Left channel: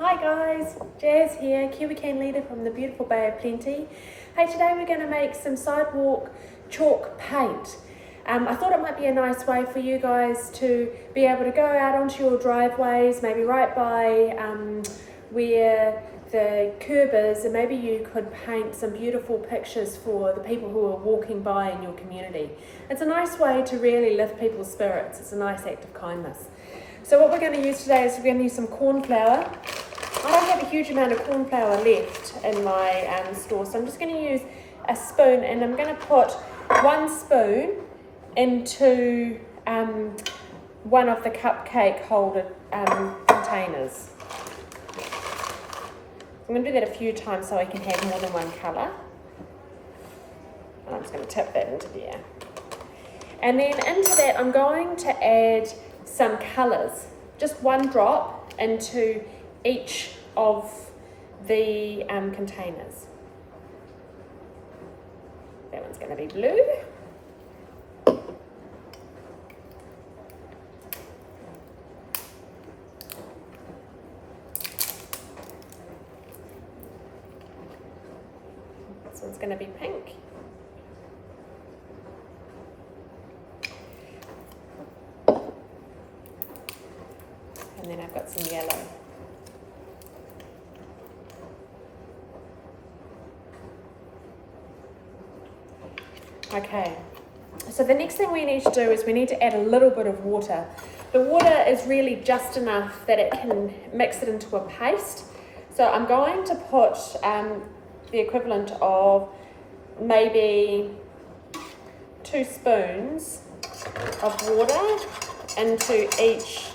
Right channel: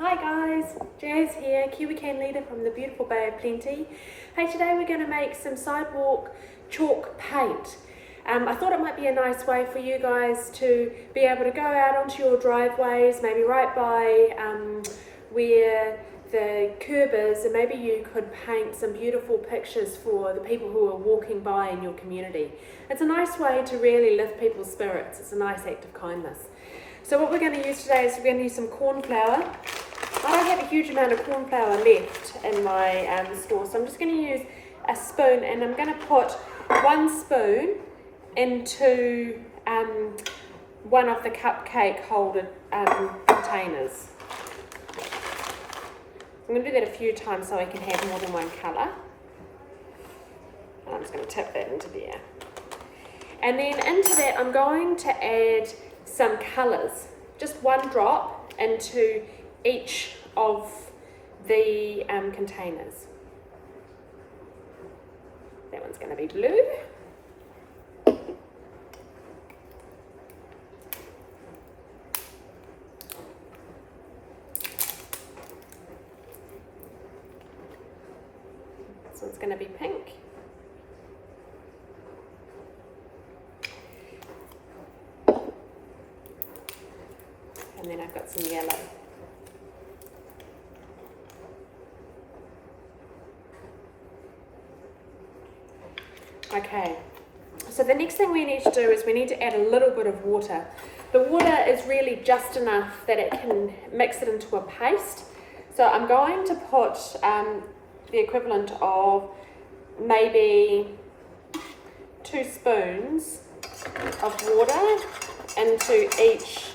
Hi guys, Jazz here, Kiwi Can Leader from the beautiful Bay of Plenty. Hey, today we're going to make some sidewalk chalk paint. I thought it might be a nice way for you guys to be able to go out onto your driveways, maybe right by where the curb is, and maybe you could paint some beautiful pictures for the people who are walking by in your community. It's a nice way to really lift people's spirits. It's a nice act of kindness. So what we're going to use today is we're going to use some corn flour. I don't have a huge amount of corn flour left in my store, so I'm just going to use a spoon, and I'm going to put 1 spoon into one of the cupcake holder containers. I'm going to do that a few times so I can have more than one colour. And I'm just going to tip that into there. And then into that I'm going to add some colours, just 1 drop into each of the containers. That one's going to be blue. This one's going to be pink. And then I've got some yellow. Okay, so the next thing we need to do is we need to add a little bit of water. The water is really just enough that it can mix it into a paste. So I'm going to put the equivalent of maybe 2 spoons of water into each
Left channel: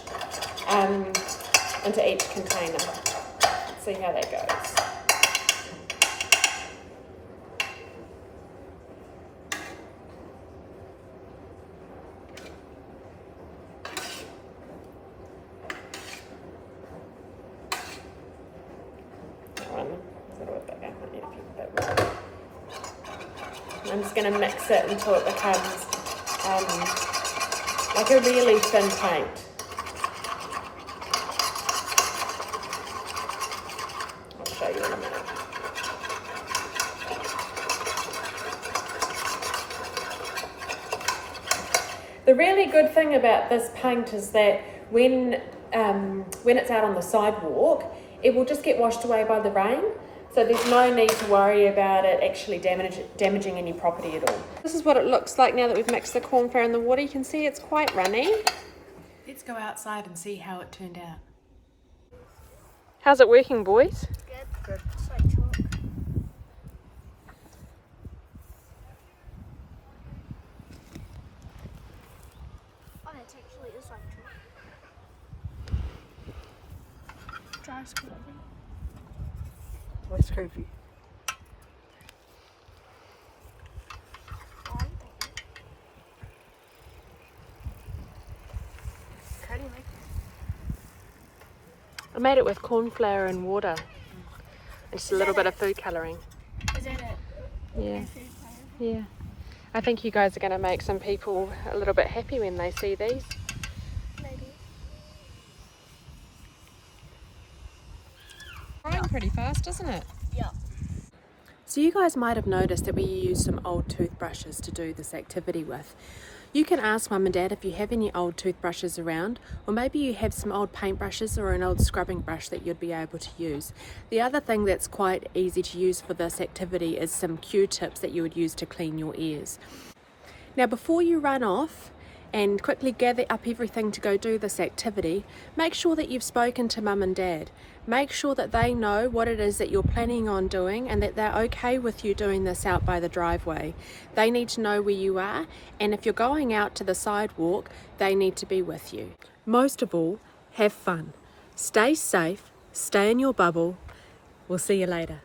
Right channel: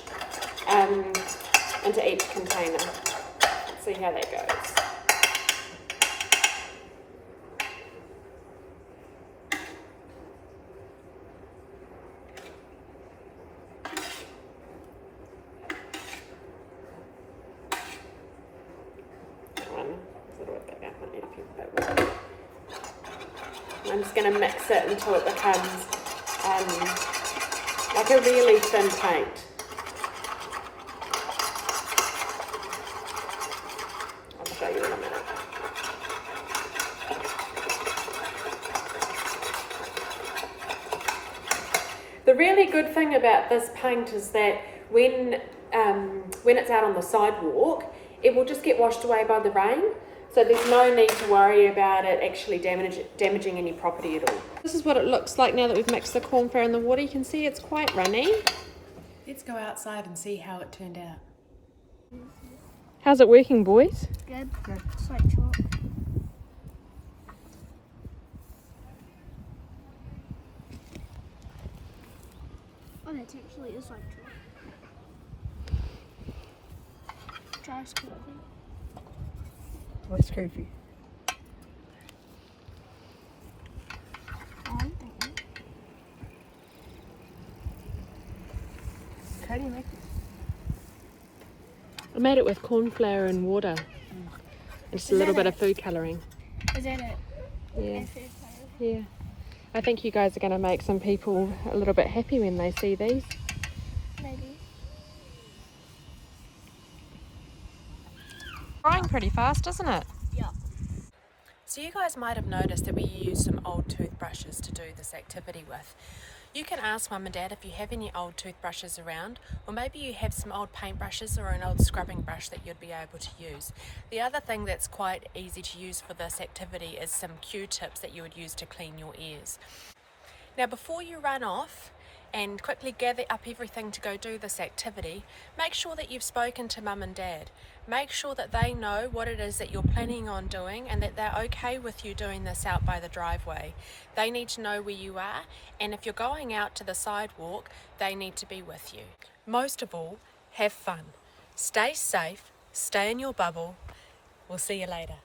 container. Let's see how that goes. I'm just going to mix it until it becomes like a really thin paint. I'll show you in a minute. The really good thing about this paint is that when it's out on the sidewalk, it will just get washed away by the rain. So there's no need to worry about it actually damaging any property at all. This is what it looks like now that we've mixed the corn flour and the water. You can see it's quite runny. Let's go outside and see how it turned out. How's it working, boys? Good. Good. It's like chalk. Oh, it actually is like chalk. Dries quickly. What's creepy? How do you make it? I made it with corn flour and water. And just a little bit of food colouring. Is that it? Yeah. Yeah. I think you guys are going to make some people a little bit happy when they see these. Maybe. Drying pretty fast, isn't it? Yeah. So you guys might have noticed that we use some old toothbrushes to do this activity with. You can ask Mum and Dad if you have any old toothbrushes around, or maybe you have some old paintbrushes or an old scrubbing brush that you'd be able to use. The other thing that's quite easy to use for this activity is some Q-tips that you would use to clean your ears. Now before you run off and quickly gather up everything to go do this activity, make sure that you've spoken to Mum and Dad. Make sure that they know what it is that you're planning on doing and that they're okay with you doing this out by the driveway. They need to know where you are, and if you're going out to the sidewalk, they need to be with you. Most of all, have fun. Stay safe, stay in your bubble. We'll see you later.